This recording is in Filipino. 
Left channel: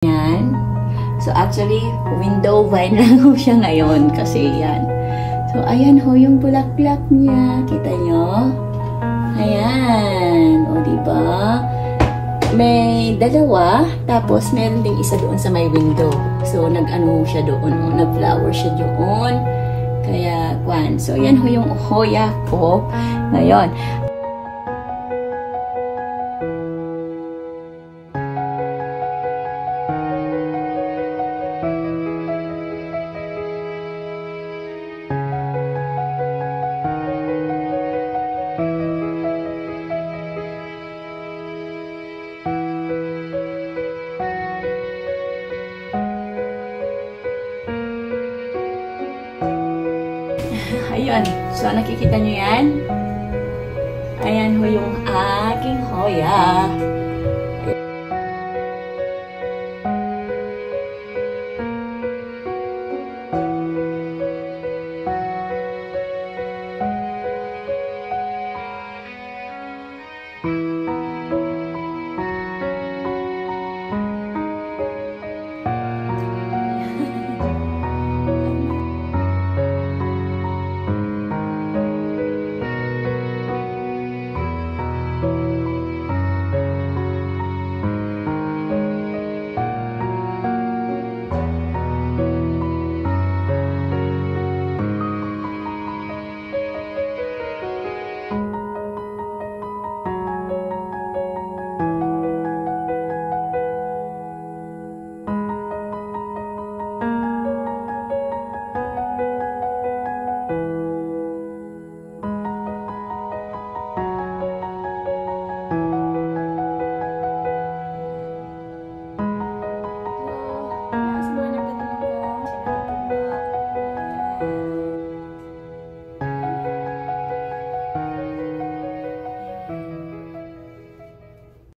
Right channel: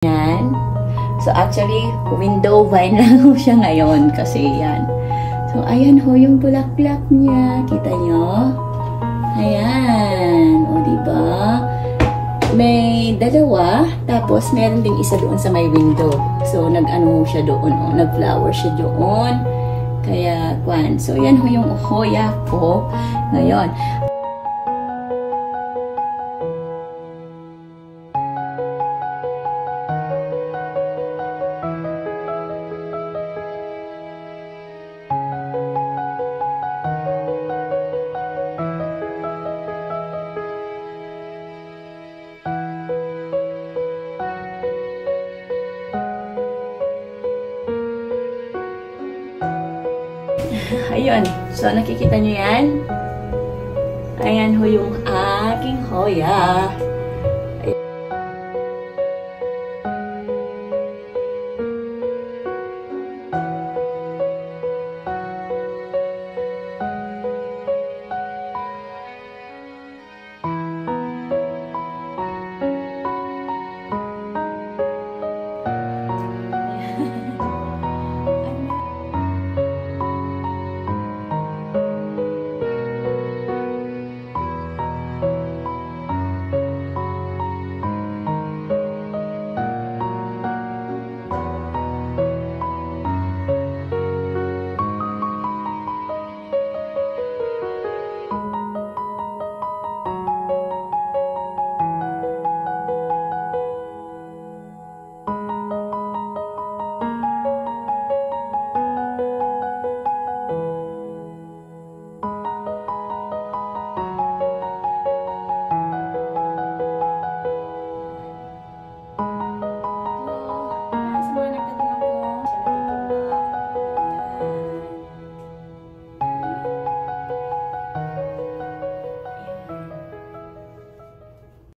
Yan. So actually, window vine lang ho siya ngayon kasi yan. So ayan ho yung bulaklak niya. Kita nyo? Ayan. O diba? May dalawa. Tapos meron ding isa doon sa may window. So nag-ano siya doon. O, nag-flower siya doon. Kaya, kwan. So yan ho yung hoya ko ngayon. Ayun. So, nakikita nyo yan? Ayan ho yung aking hoya.